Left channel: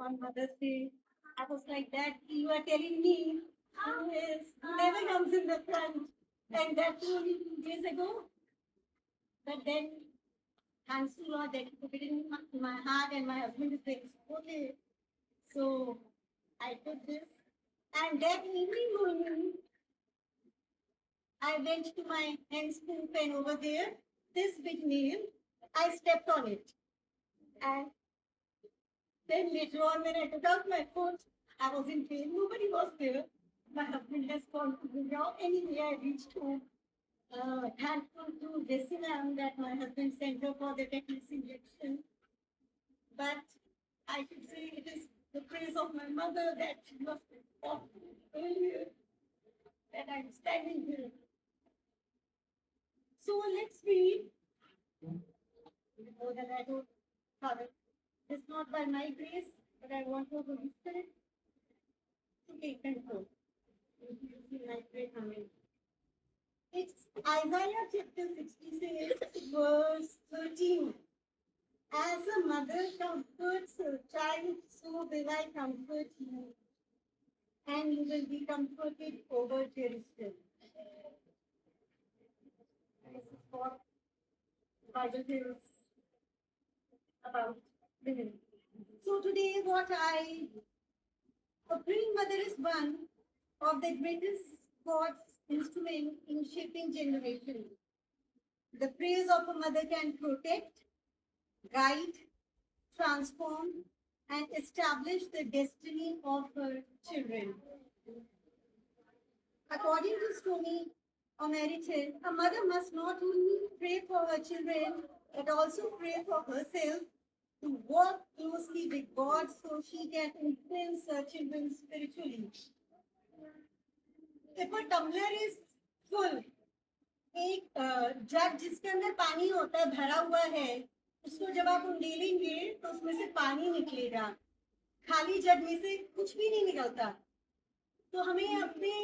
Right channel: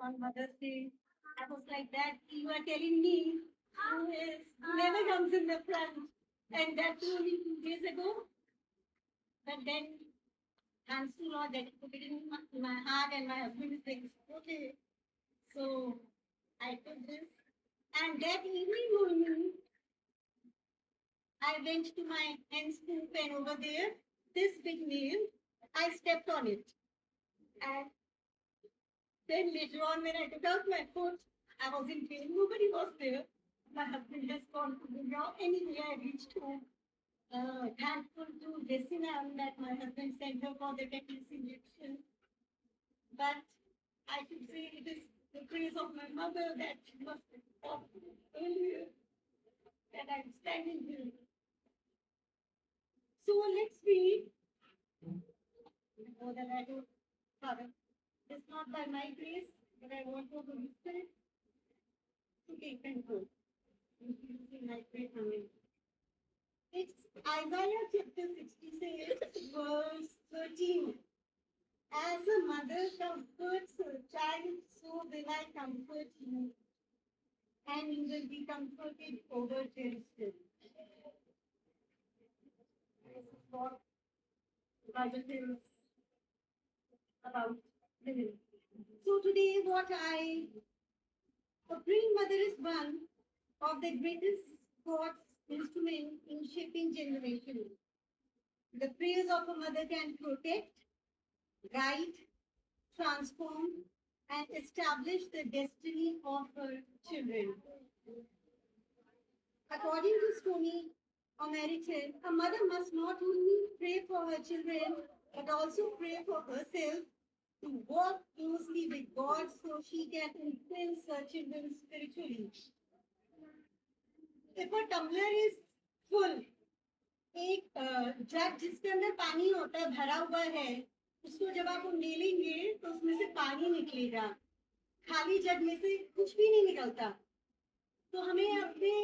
on Mother's Day. I was like that. You are telling me who never comes in the front, and that's only 2 days ago. But then, thanks to Lord that He put it in my heart, and my husband is like, okay. So I took this, and that evening morning, I went to my hen's coop, and over there, this big nail, I stepped on it, and then later on, when I took out my foot, I was in pain. Nobody was there. My husband has gone to bring out. Anyway, I reached home. Thankful to Jessina that my husband sent her for the tetanus injection. But I should say it is the praise of my mother that she must have thought earlier that I'm standing here. So let's read. Before that, I don't, Father, it's not by my grace, but I want you to listen to take control. If you see my prayer coming. It's Isaiah chapter 66, verse 13. As a mother comforts her child, so will I comfort you, and you will be comforted over Jerusalem. This is what the Bible tells about women. So today, a praying mother is one of the greatest God's instrument in shaping generations. The prayers of a mother can protect, guide, transform, and establish the destiny of her children. According to Stony O'Meriton, a mother must not only pray for her children, but also pray for herself to work closely with God so she can influence her children spiritually. If a tumbler is full, एक जग जिसके अंदर पानी होता है भरा हुआ है, उसको जब आप उंडेलेंगे तो उसमें से पानी निकलेगा। खाली जग में से कुछ भी नहीं निकलता। तो हमें अपने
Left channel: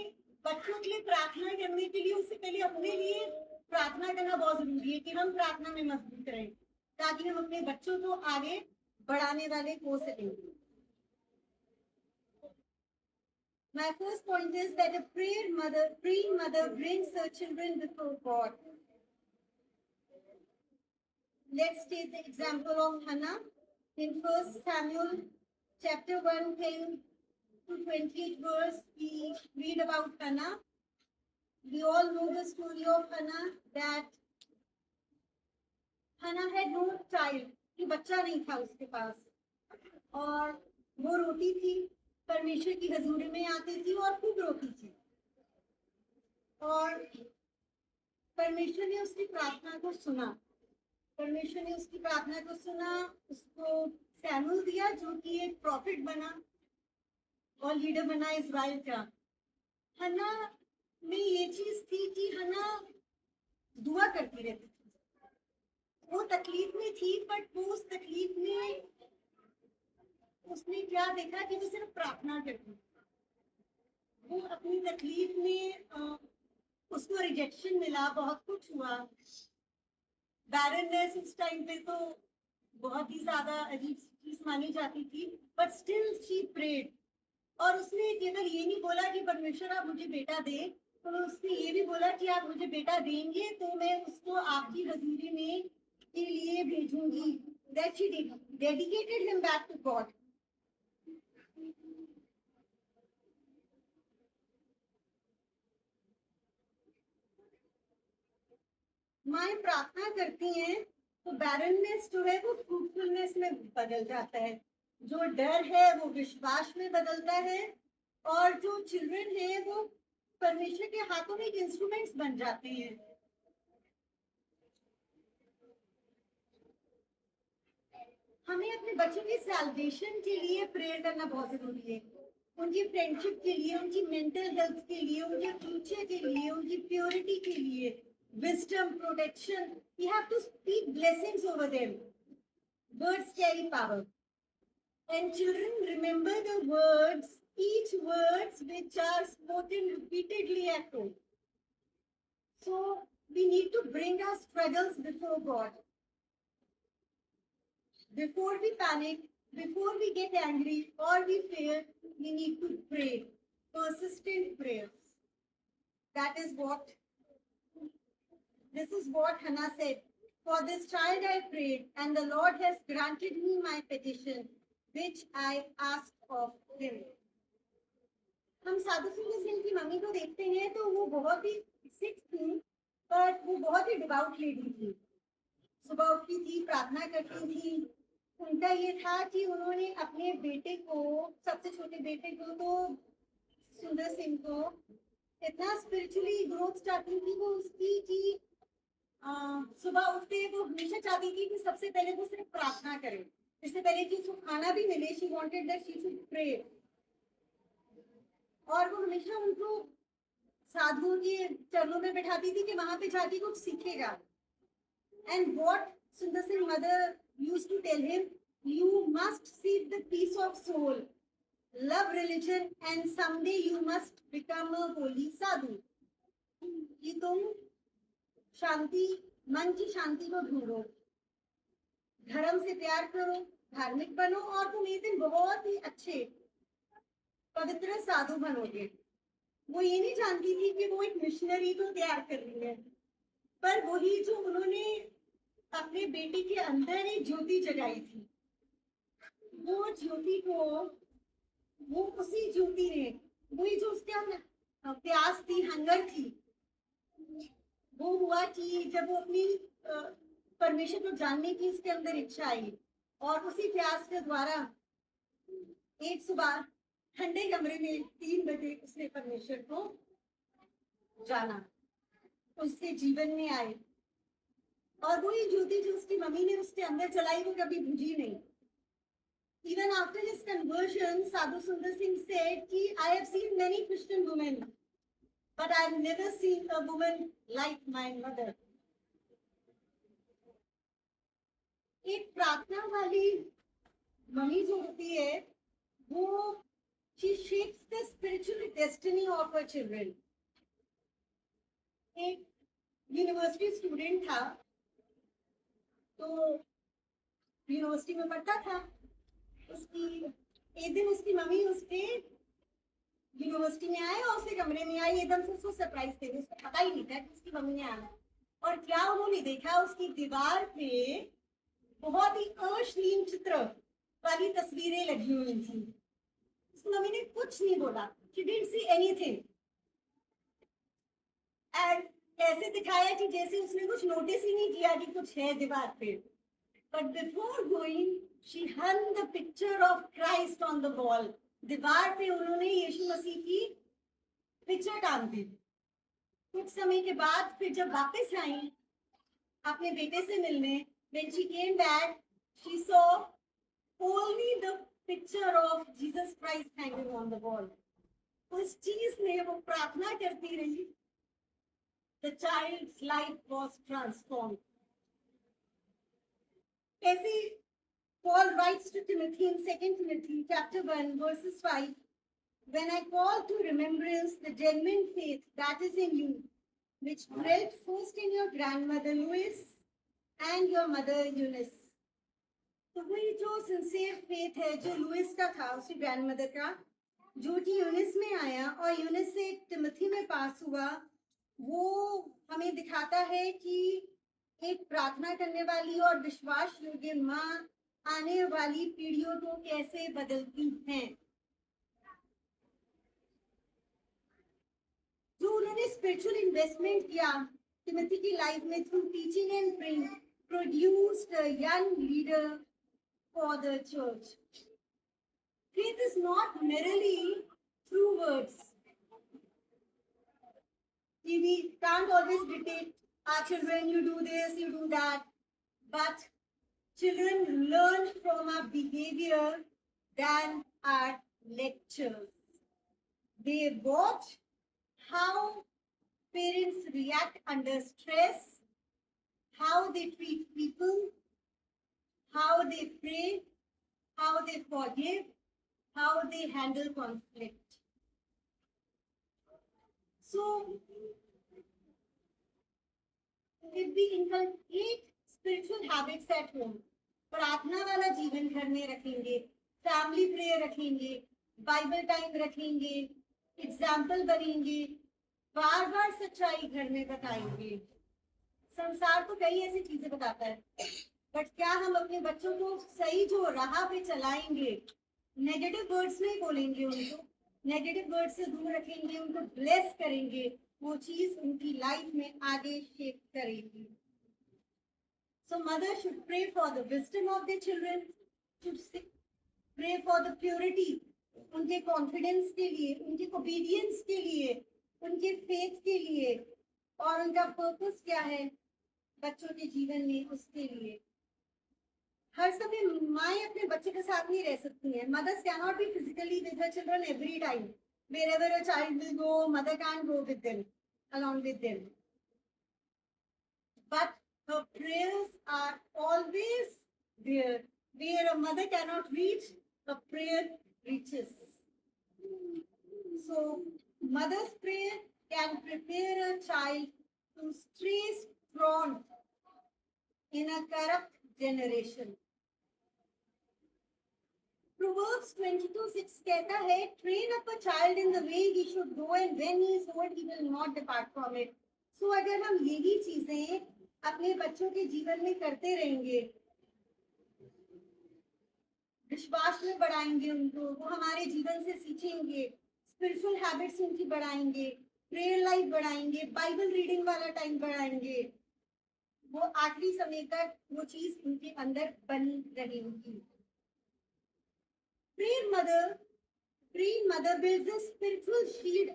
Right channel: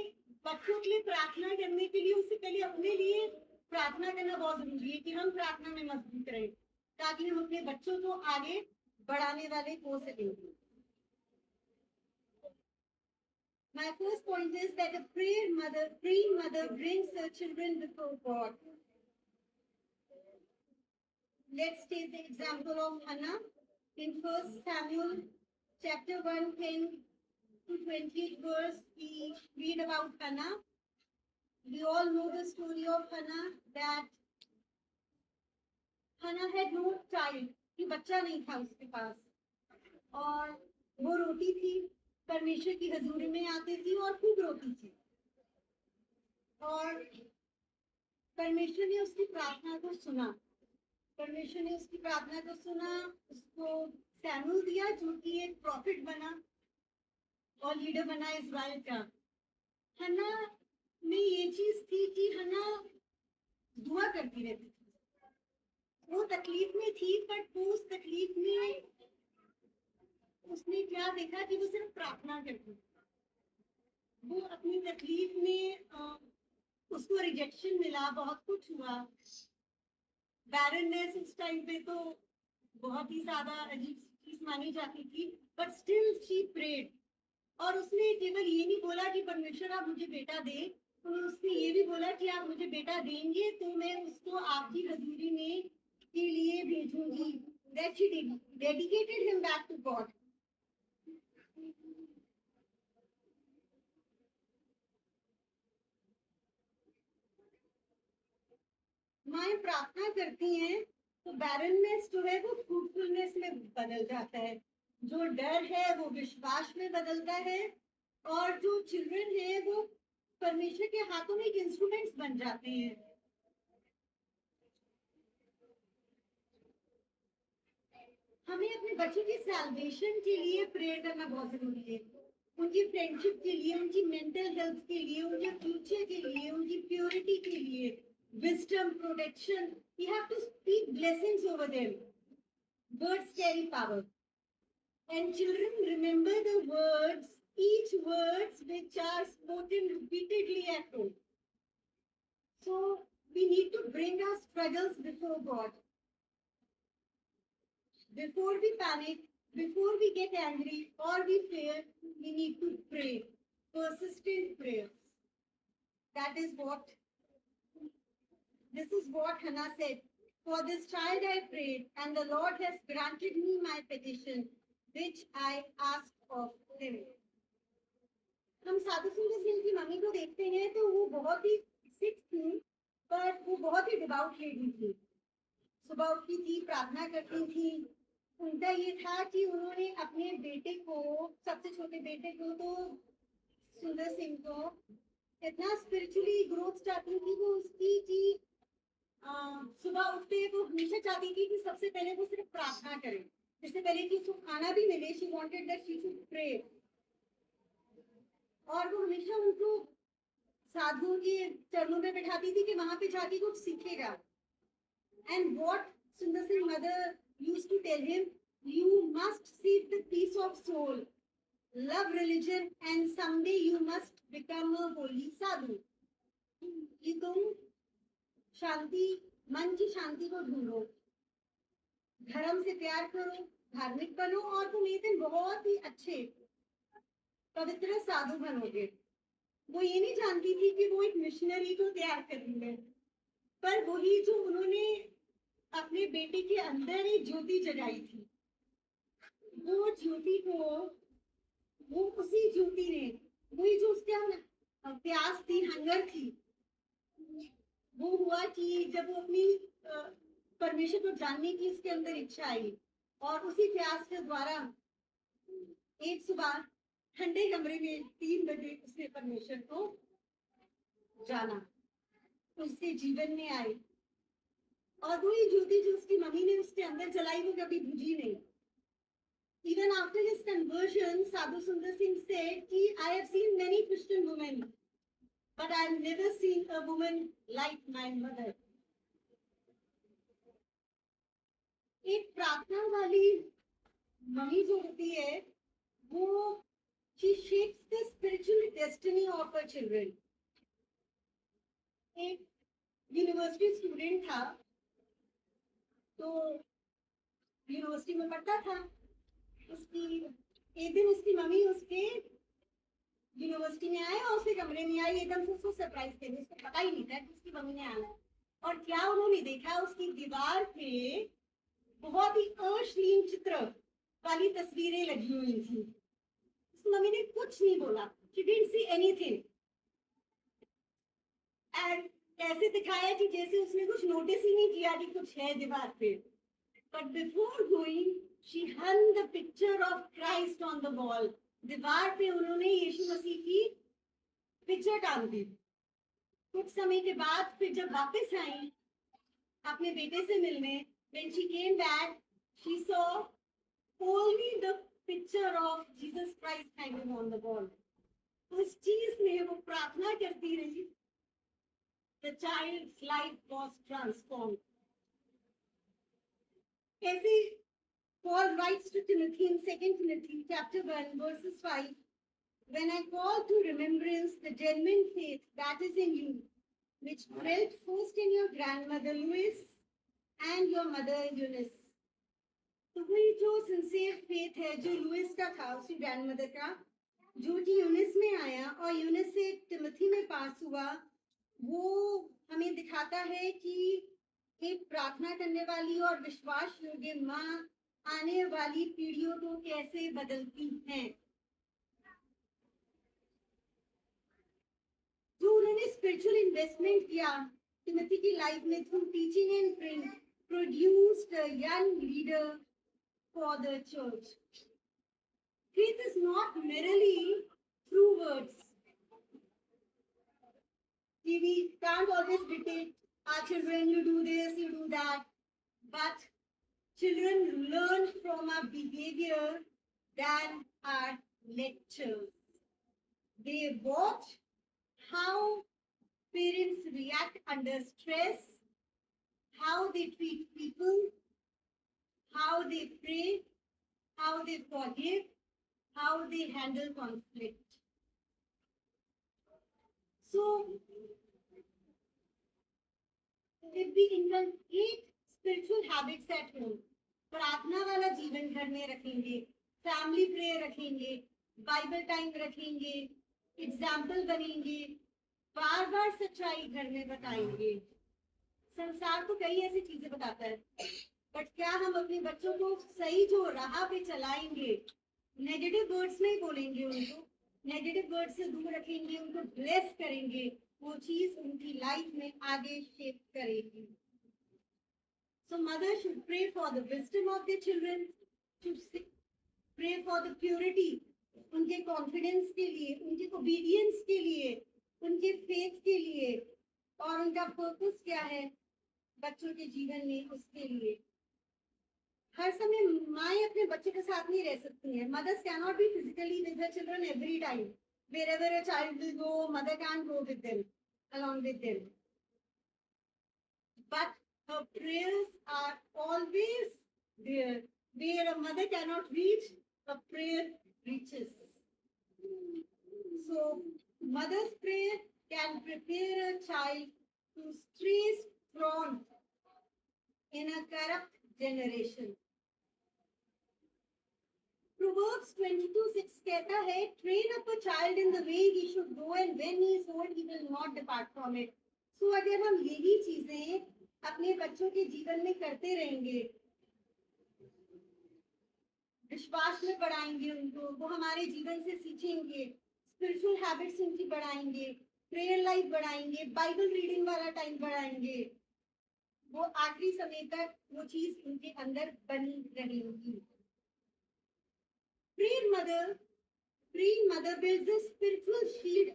बच्चों के लिए प्रार्थना करने के लिए उससे पहले अपने लिए प्रार्थना करना बहुत जरूरी है कि हम प्रार्थना में मजबूत रहें, ताकि हम अपने बच्चों को आगे बढ़ाने वाले हो सकेंगे। My first point is that a praying mother brings her children before God. Let's take the example of Hannah. In 1 Samuel chapter 1, 10 to 28 verse, we read about Hannah. We all know the story of Hannah, that Hannah had no child, कि बच्चा नहीं था उसके पास, और वो रोती थी, परमेश्वर की हजूरी में आती थी और खूब रोती थी, और परमेश्वर ने उसकी प्रार्थना को सुना। परमेश्वर ने उसकी प्रार्थना को सुना, उसको सैमुअल दिया जो कि एक प्रॉफिट बना और लीडर बना इज़राइल का। हन्ना में ये चीज थी कि हन्ना दुआ करती रहती थी। वो तकलीफ में थी, बट वो उस तकलीफ में उसने क्या देखा कि वो सिर्फ प्रार्थना करती। वो अपनी तकलीफ में उसको रिजेक्शन मिला, बहुत कुछ हुआ, बैरननेस उस टाइम पे तो बहुत ही ज्यादा अजीब चीज मानी जाती थी, बट स्टिल शी प्रेड। और उसने केवल ये नहीं बोला कि परमेश्वर आप मुझे बेटा दे, तो उसने ये भी बोला कि आप मुझे बेटा देंगे तो मैं उसको आपकी हजूरी में के लिए भेजूंगी। That she dedicated him back to God. माँ प्रार्थना करती हैं तो बैरननेस जो है वो फ्रूटफुलनेस में बदल जाता है, जो डर है वो विश्वास में बदलता है, और जो चिल्ड्रन है वो परमेश्वर के हाथों में एक इंस्ट्रूमेंट्स बन जाते हैं। हमें अपने बच्चों की सैल्वेशन के लिए प्रेयर करना बहुत जरूरी है, उनकी फ्रेंडशिप के लिए, उनकी मेंटल हेल्थ के लिए, उनके फ्यूचर के लिए, उनकी प्योरिटी के लिए, wisdom, protection. We have to speak blessings over them. Words carry power. And children remember the words, each words which are spoken repeatedly at home. So we need to bring our struggles before God. Before we panic, before we get angry or we fear, we need to pray. Persistent prayers. That is what, this is what Hannah said. For this child I prayed, and the Lord has granted me my petition, which I asked of him. हम साधु सुंदर सिंह की mummy को देखते हैं तो वो बहुत ही सिख थी, पर वो बहुत ही डिवाउट लेडी थी. सुबह उठती थी, प्रार्थना करती थी. उनका ये था कि उन्होंने अपने बेटे को, सबसे छोटे बेटे को, तो सुंदर सिंह को इतना स्पिरिचुअली ग्रोथ चाहती थी वो उसकी कि सुबह उठते वो हमेशा चाहती थी कि सबसे पहले वो सिर्फ प्रार्थना करे, इससे पहले कि उसको खाना भी मिले. She wanted that she should pray. और वो हमेशा उनको साधुओं के चरणों में बैठाती थी कि वहां पे जाके कुछ सीखेगा. And what Sundar Singh mother used to tell him, you must seek the peace of soul, love religion, and someday you must become a holy sadhu. कि तुम शांति, मन की शांति को ढूंढो, धर्म से प्यार करो, धार्मिक बनो, और तुम एक दिन बहुत ही अच्छे पवित्र साधु बनोगे. वो ये नहीं जानती थी कि वो एक मिशनरी को तैयार कर रही है, पर वही जो उन्होंने अपने बेटे के अंदर एक ज्योति जगाई थी, वो ज्योति को, वो उसी ज्योति ने, वही जो उसके प्यास थी, हंगर थी, वो हुआ कि जब वो अपनी परमेश्वर को जानने की उसके अंदर इच्छा आई, और उसी प्यास के द्वारा एक सुबह ठंडे कमरे में 3 बजे उसने परमेश्वर को जाना, उसके जीवन में आए. और वही ज्योति जो उसकी मम्मी ने उसके अंदर जलाई वो कभी बुझी नहीं. Even after his conversion, Sadhu Sundar Singh said कि I have seen many Christian women, but I have never seen a woman like my mother. एक प्रार्थना वाली मम्मी जो होती है वो she shapes the spiritual destiny of her children. एक university student था, तो यूनिवर्सिटी में पढ़ता था. उसकी एक दिन उसकी मम्मी उसके यूनिवर्सिटी में आए और उसके कमरे में आई. एकदम से उसको सरप्राइज दे दी, उसको पता ही नहीं था कि उसकी मम्मी ने आना. और क्या उन्होंने देखा, उसकी दीवार पे बहुत ही अश्लील चित्र वाली तस्वीरें लगी हुई थी. मम्मी ने कुछ नहीं बोला. She didn't see anything. And ऐसे दिखाया कि जैसे उसने कुछ नोटिस ही नहीं किया कि कुछ है दीवार पे. But before going, she hung the picture of Christ on the wall. दीवार पे उन्होंने यीशु मसीह की पिक्चर टांग दी. कुछ समय के बाद फिर जब वापस आई अपने बेटे से मिलने, when she came back, she saw only the picture of Jesus Christ hanging on the wall. उस चीज ने वो प्रार्थना करती रही. The child's life was transformed. ऐसे Paul writes to Timothy in 2 Timothy chapter 1 verses 5, when I call to remembrance the genuine faith that is in you, which dwelt first in your grandmother Lois and your mother Eunice. तो वही जो sincere faith है जो Louis का था, उसकी grandmother का, जो कि यूनिस में आया और यूनिस से टिमोथी में पास हुआ, वो हमें दिखाता है कि एक प्रार्थना करने वाली और विश्वास योग्य माँ आने वाली पीढ़ियों को कैसे बदलती हैं. जो उन्होंने स्पिरिचुअल इन्वेस्टमेंट किया टिमोथी की लाइफ में through teaching and praying, produced a young leader for the church. Faith is not merely through words. We can't always dictate our children, you do this, you do that. But children learn from our behavior than our lectures. They watch how parents react under stress, how they treat people, how they pray, how they forgive, how they handle conflict. So, if we inculcate spiritual habits at home, प्रार्थना वाला जीवन घर में रखेंगे, family prayer रखेंगे, Bible time रखेंगे, example बनेंगे, बार बार सच्चाई घर में बताएंगे। संसार तो कई ऐसी चीजें बताता है, बट क्या हम अपने बच्चों को सही जो राह पे चलाएंगे, नेगेटिव वर्ड्स नहीं बोलेंगे, उनको नेगेटिव वर्ड से दूर रखेंगे, उनको ब्लेस करेंगे, वो चीज उनकी लाइफ में आगे शेप करेगी। So mother should pray for the wisdom of their children, should pray for the purity, उनके कॉन्फिडेंस के लिए, उनके ओबीडियंस के लिए, उनके फेथ के लिए, और उनका पर्पस क्या है बच्चों के जीवन में, उसके लिए। हर समय माएँ अपने बच्चे के साथ नहीं रह सकती हैं। Mothers cannot be physically with their children every time. Wherever a child will go, mother can't go with them, along with them. But her prayers are always there. Where a mother cannot reach, a prayer reaches. So, mother's prayer can prepare a child to stray strong in a corrupt generation. Proverbs 22:6 कहता है, train up a child in the way he should go, and when he is old, he will not depart from it. So अगर हम यही चीजें अपने बच्चों के जीवन में करते रहेंगे, विश्वास में बढ़ाएंगे उनको, वो हमारे जीवन से सीखेंगे, स्पिरिचुअल हैबिट्स उनकी बढ़ाएंगे, प्रेयर लाइफ बढ़ाएंगे, बाइबल रीडिंग वाला टाइम बढ़ाएंगे, वो आखिरी समय तक वो चीज उनके अंदर बनी रहेगी। Praying mother builds a spiritual shield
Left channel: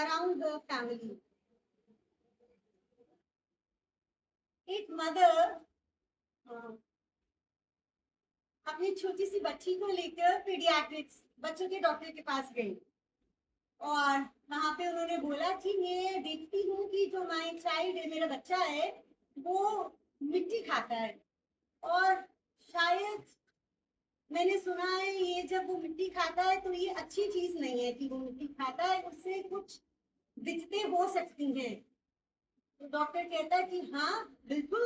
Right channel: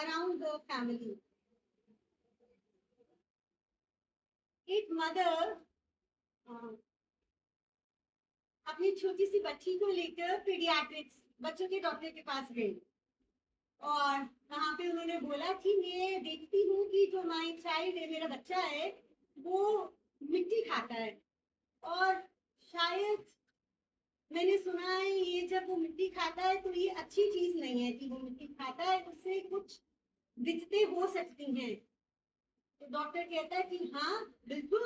around the family. एक मदर अपनी छोटी सी बच्ची को लेकर पीडियाट्रिक्स बच्चों के डॉक्टर के पास गई, और वहां पे उन्होंने बोला कि मैं देखती हूँ कि जो माय चाइल्ड है, मेरा बच्चा है, वो मिट्टी खाता है, और शायद मैंने सुना है ये जब वो मिट्टी खाता है तो ये अच्छी चीज नहीं है कि वो मिट्टी खाता है, उससे कुछ दिक्कतें हो सकती हैं। तो डॉक्टर कहता है कि हाँ बिल्कुल,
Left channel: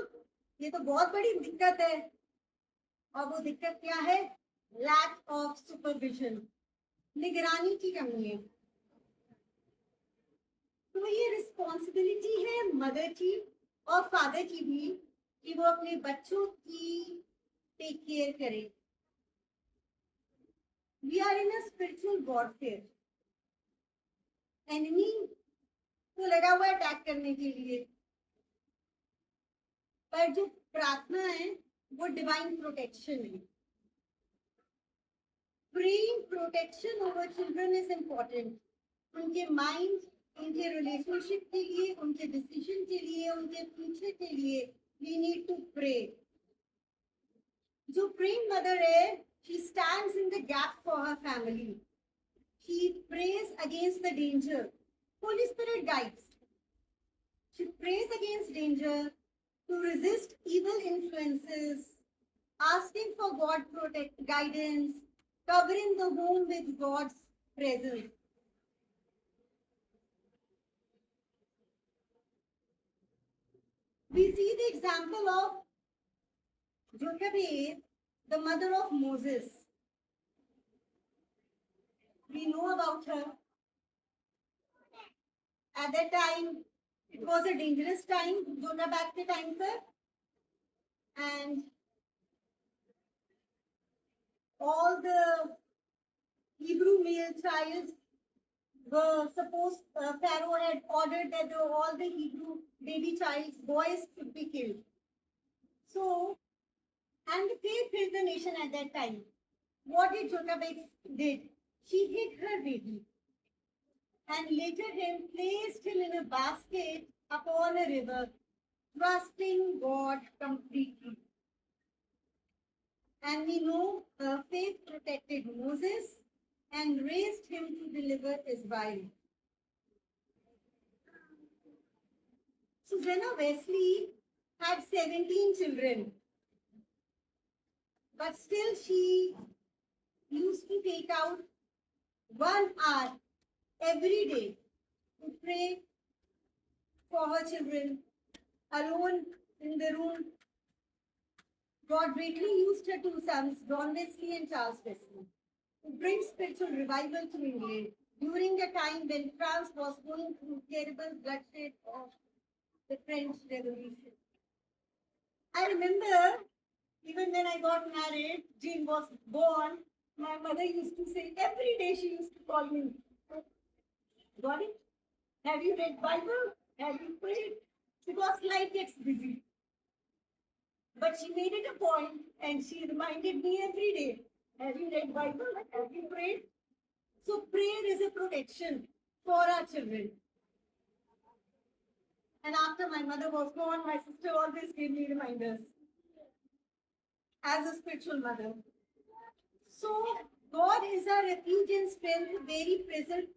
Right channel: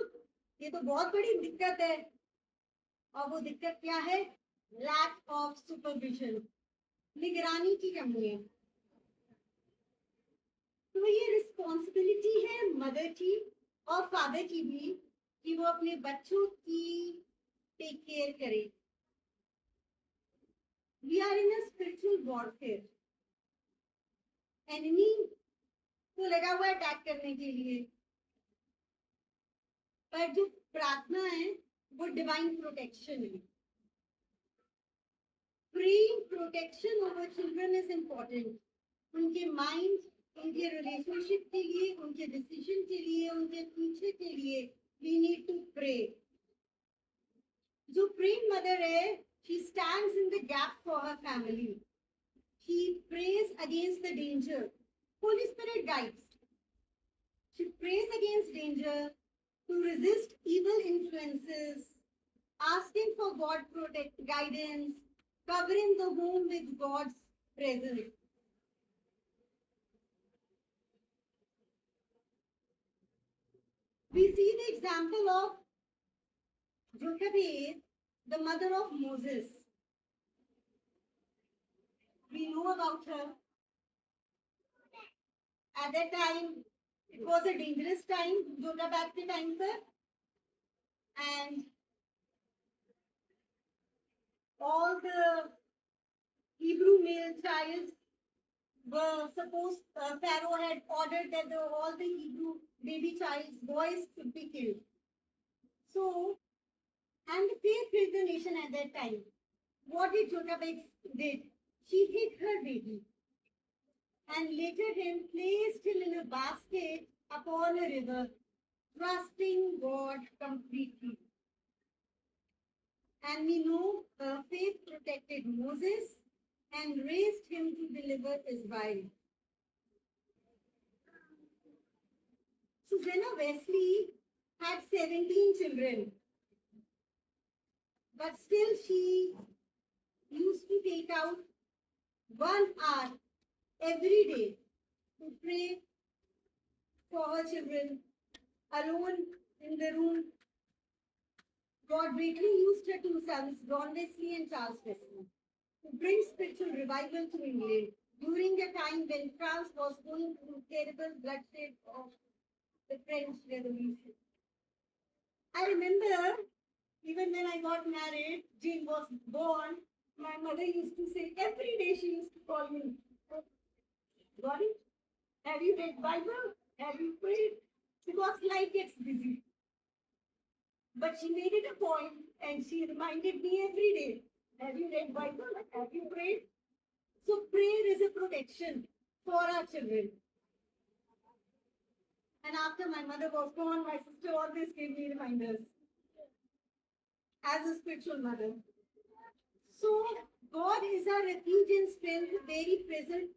ये तो बहुत बड़ी दिक्कत है। और वो दिक्कत क्या है? लैक ऑफ सुपरविजन, निगरानी की कमी है। तो ये रिस्पॉन्सिबिलिटी है मदर की और फादर की भी कि वो अपने बच्चों की टेक केयर करें। We are in a spiritual warfare. Enemy तो लगा हुआ है अटैक करने के लिए, पर जो प्रार्थना है वो डिवाइन प्रोटेक्शन है। Praying protection over children is important. उनके माइंड, उनके रिलेशनशिप के लिए, उनके डिसीजन के लिए, उनके फ्यूचर के लिए we need to pray. जो praying mother है, she stands in the gap for her family. She prays against the danger. Holy Spirit guides. She prays against danger, to resist evil influences, asking for God guidance, covering the home with God's presence. We see the example of Jochebed, the mother of Moses. We know about her. At that time, it was a dangerous time, Jochebed के time पर, and all the Hebrew male child were supposed, Pharaoh had ordered that all the Hebrew baby child's boys should be killed. So, and faith filled the nation at that time. What did Jochebed did? She hid her baby and later placed him in a basket upon a river, trusting God completely. And we know her faith protected Moses and raised him to deliver Israel. Susanna Wesley had 17 children, but still she used to take out 1 hour every day to pray for her children, alone in the room, God greatly used her two sons, John Wesley and Charles Wesley, to bring spiritual revival to England during a time when France was going through terrible bloodshed of the French Revolution. I remember even when I got married, Jane was born, my mother used to say, every day she used to call me, got it? Have you read Bible? Have you prayed? Because life gets busy. But she made it a point and she reminded me every day, have you read Bible? Have you prayed? So prayer is a protection for our children. And after my mother was gone, my sister always gave me reminders as a spiritual mother. So God is our refuge and strength, very present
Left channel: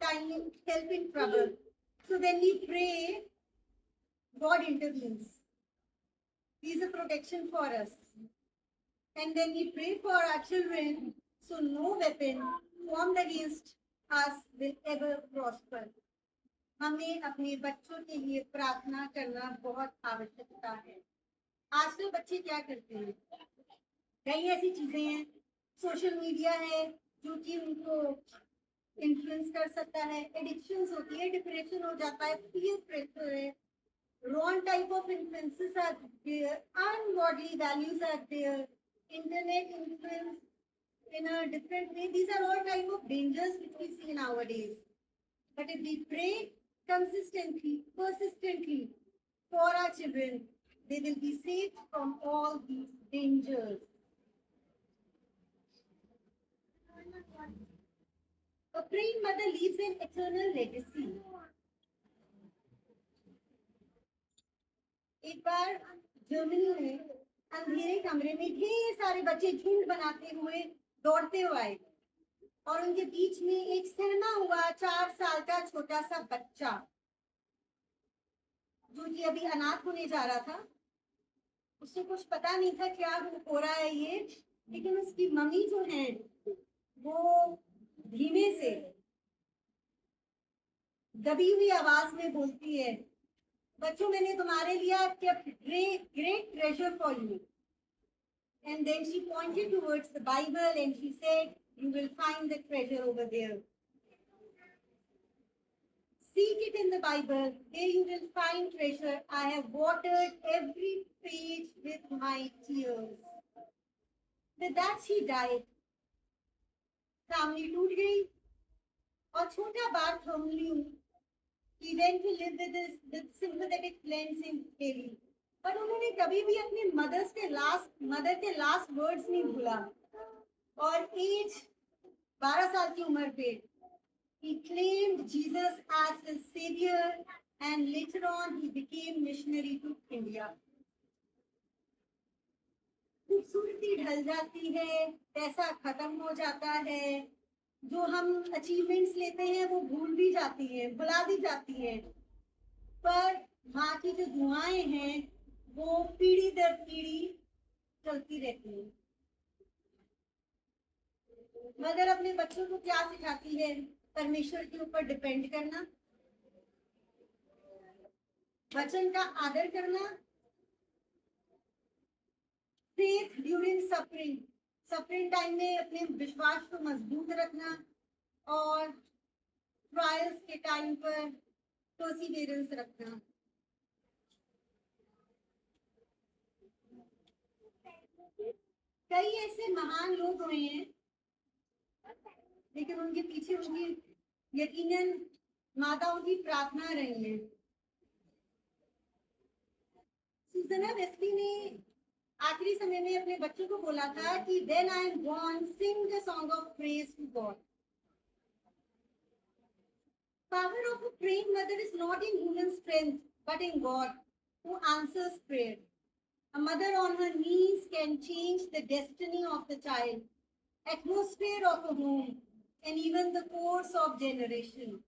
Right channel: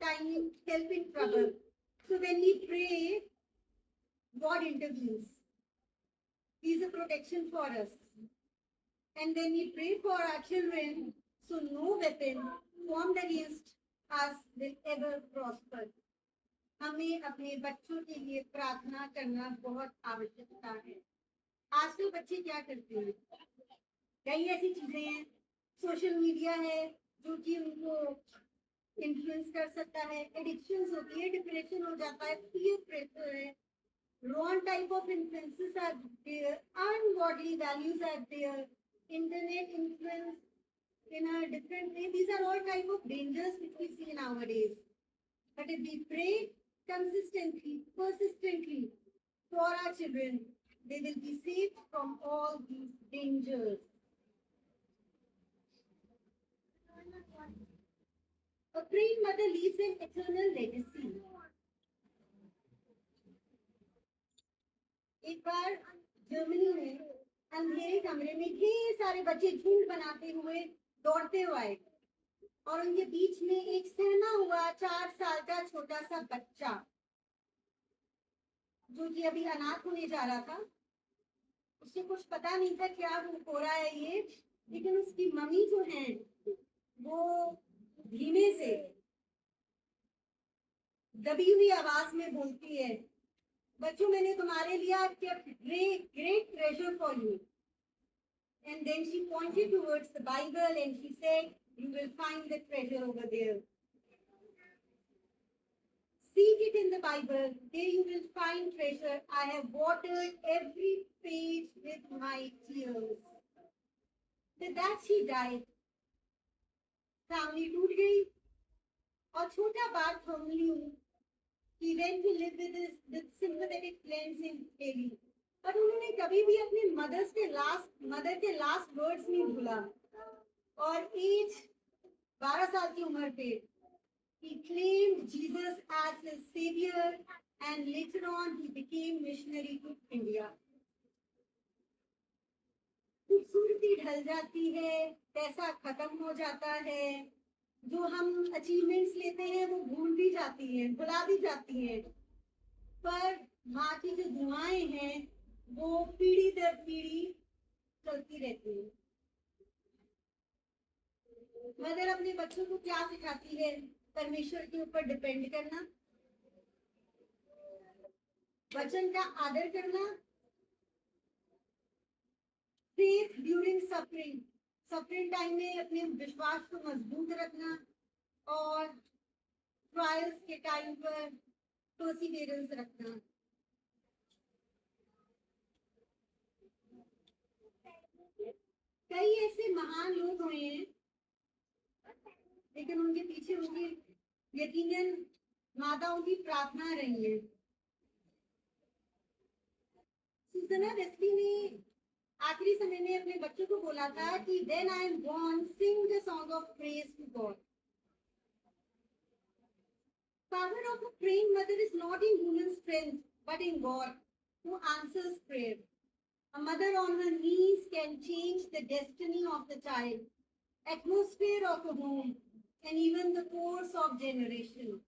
time in help in trouble. So when we pray, God intervenes. He is a protection for us. And when we pray for our children, so no weapon formed against us will ever prosper. हमें अपने बच्चों के लिए प्रार्थना करना बहुत आवश्यकता है। आजकल बच्चे क्या करते हैं? कई ऐसी चीजें हैं, सोशल मीडिया है जो कि उनको इन्फ्लुएंस कर सकता है, एडिक्शंस होती है, डिप्रेशन हो जाता है, पीयर प्रेशर है, wrong type of influences are there, ungodly values are there, internet influence in a different way. These are all type of dangers which we see nowadays. But if we pray consistently, persistently for our children, they will be saved from all these dangers. A praying mother leaves an eternal legacy. एक बार Germany में अंधेरे कमरे में ढेर सारे बच्चे झुंड बनाते हुए दौड़ते हुए आए और उनके बीच में एक सहमा हुआ 4 साल का छोटा सा बच्चा जो कि अभी अनाथ होने जा रहा था। उसे कुछ पता नहीं था क्या हो रहा है ये, लेकिन उसकी मम्मी जो है वो धीमे से दबी हुई आवाज में बोलती है, बच्चों मैंने तुम्हारे लिए great treasure for you. And then she pointed towards the Bible and she said, you will find the treasure over there. Seek it in the Bible, there you will find treasure. I have watered every page with my tears. With that she died. Family टूट गई और छोटा Bartholomew he went to live with sympathetic friends in Delhi. पर उन्होंने कभी भी अपने mother के लास्ट वर्ड्स नहीं भूला और एज 12 साल की उम्र पे he claimed Jesus as his savior and later on he became missionary to India. खूबसूरती ढल जाती है, पैसा खत्म हो जाता है, जो हम अचीवमेंट्स लेते हैं वो भूल भी जाती हैं, भुला दी जाती हैं, पर माँ की जो दुआएं हैं वो पीढ़ी दर पीढ़ी चलती रहती हैं। मदर अपने बच्चों को क्या सिखाती है? परमेश्वर के ऊपर डिपेंड करना, वचन का आदर करना, फेथ ड्यूरिंग सफरिंग टाइम में अपने विश्वास को मजबूत रखना और ट्रायल्स के टाइम पर परसिवियरेंस रखना। कई ऐसे महान लोग हुए हैं लेकिन उनके पीछे उनकी यकीनन माताओं की प्रार्थना रही है। सुसना वेस्ली ने आखिरी समय में अपने बच्चों को बोला था कि when I am born, sing the song of praise to God. Power of a praying mother is not in human strength, but in God, who answers prayer. A mother on her knees can change the destiny of the child, atmosphere of a home, and even the course of generation.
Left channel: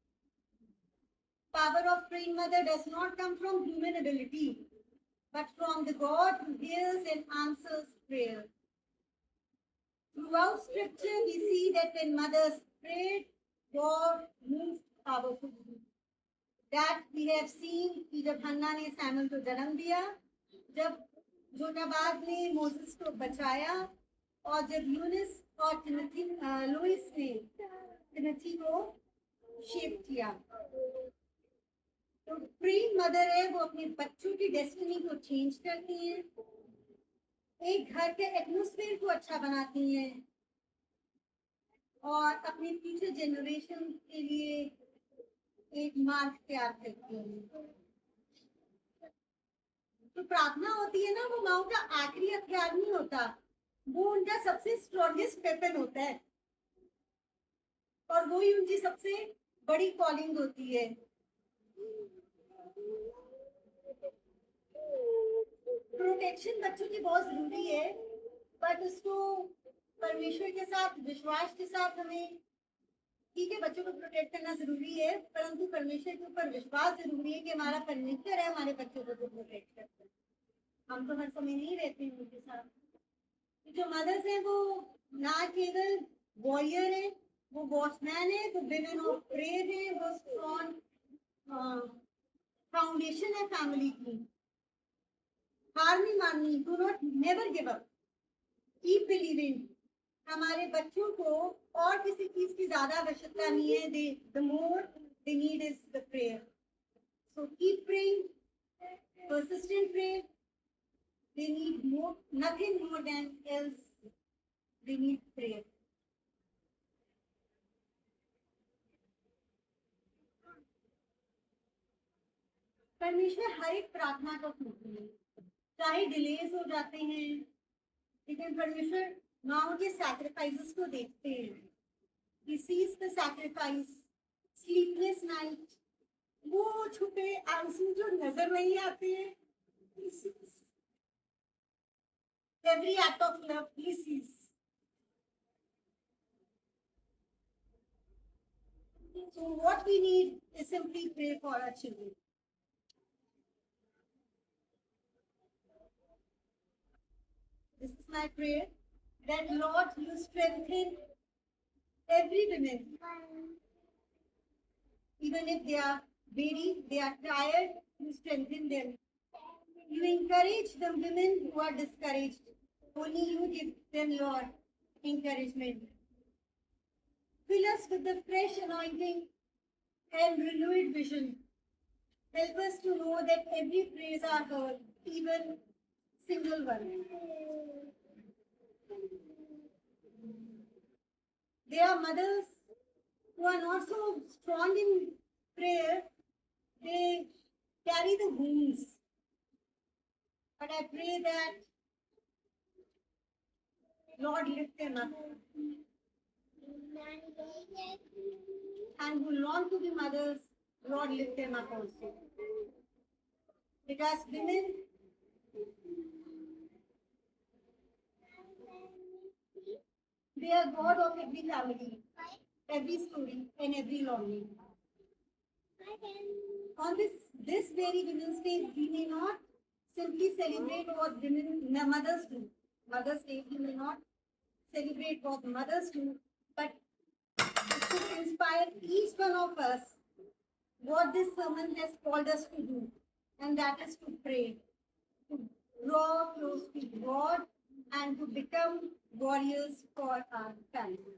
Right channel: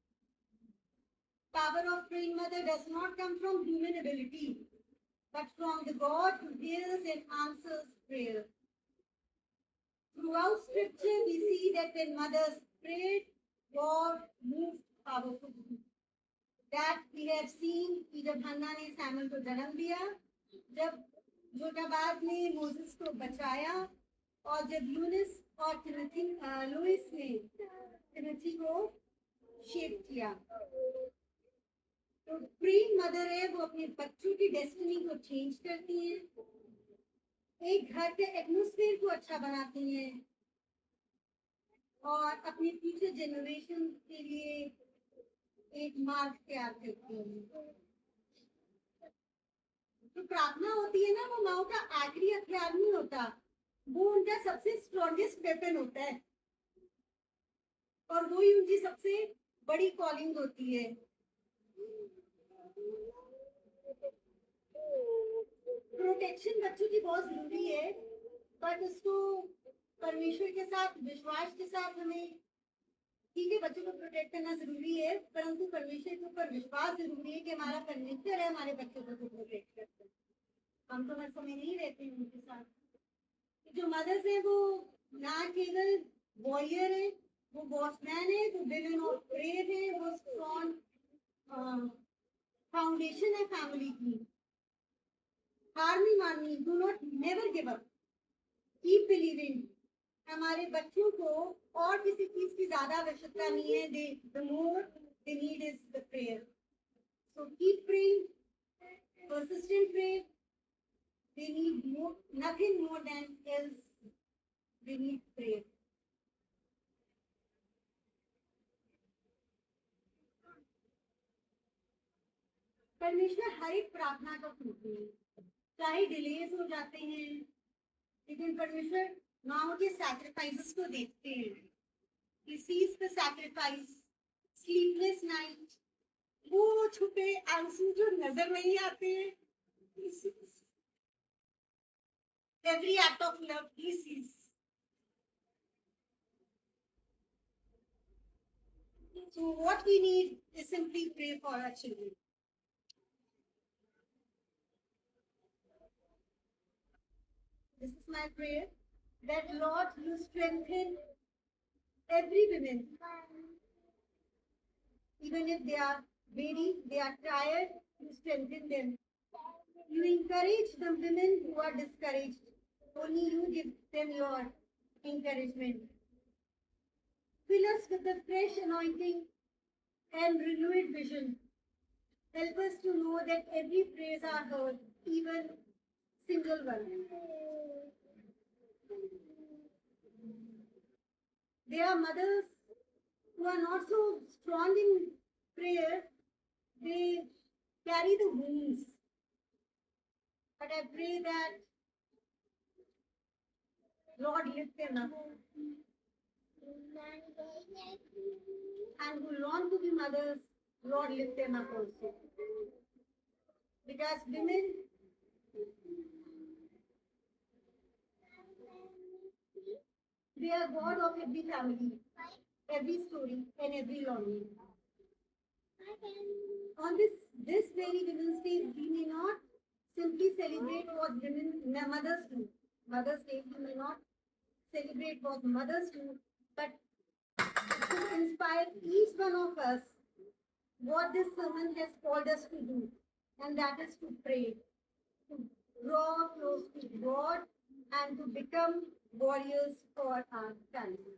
Power of praying mother does not come from human ability, but from the God who hears and answers prayer. Throughout scripture, we see that when mothers prayed, God moved powerfully. That we have seen कि जब हन्ना ने Samuel को जन्म दिया, जब जोटाबाद ने Moses को बचाया, और जब यूनिस और लुइस ने टिमोथी को शेप किया। तो प्री मदर है, वो अपने बच्चों की डेस्टिनी को चेंज करती हैं, एक घर के एटमॉस्फेयर को अच्छा बनाती हैं, और अपने फ्यूचर जनरेशन के लिए एक मार्ग तैयार करती हैं। तो प्रार्थना होती है ना, वो माओ का आखिरी हथियार नहीं होता, वो उनका सबसे स्ट्रॉन्गेस्ट वेपन होता है, और वही उनकी सबसे बड़ी कॉलिंग होती है। प्रोटेक्शन बच्चों की बहुत जरूरी है, बट उसको परमेश्वर के साथ, विश्वास के साथ हमें, ठीक है बच्चों को प्रोटेक्ट करना जरूरी है, परंतु परमेश्वर के ऊपर विश्वास जरूरी है कि हमारा परमेश्वर है हमारे बच्चों को जो प्रोटेक्ट करता है। हम तो हर समय नहीं रहते हैं उनके साथ। जो मदर्स हैं वो ना केवल वॉरियर है, वो वॉचमैन है, वो विमेन ऑफ प्रेयर है, वो स्ट्रॉन्ग फाउंडेशन है फैमिली की। हार नहीं माननी, do not never give up, keep believing. हमारे बच्चों को और किसी चीज की ज्यादा आवश्यकता नहीं है, the more they need is the prayer. So keep praying, persistent prayer. They need more, nothing more than else. They need prayer. परमेश्वर हर एक प्रार्थना का सुनते हैं, चाहे डिलेज हो जाते हैं, लेकिन परमेश्वर माओ के सैक्रिफाइसेस को देखते हैं। He sees the sacrifice, sleepless night, वो छुपे आंसू जो नजर नहीं आते हैं, He sees every act of love. He sees. So what we need is simply pray for our children. This is my prayer, that Lord, you strengthen every woman, even if they are weary, they are tired, you strengthen them. You encourage the women who are discouraged. Only you give them your encouragement. Fill us with the fresh anointing and renewed vision. Help us to know that every prayers are heard, even single one. There are mothers who are not so strong in prayer, they carry the wounds. But I pray that Lord lift them up. And who long to be mothers, Lord lift them up also. Because women, they are God of every family, every story, and every longing. On this very Women's Day, we may not simply celebrate what mothers do. Mother's Day, we may not celebrate what mothers do, but to inspire each one of us what this sermon has called us to do, and that is to pray, to draw close to God, and to become warriors for our family.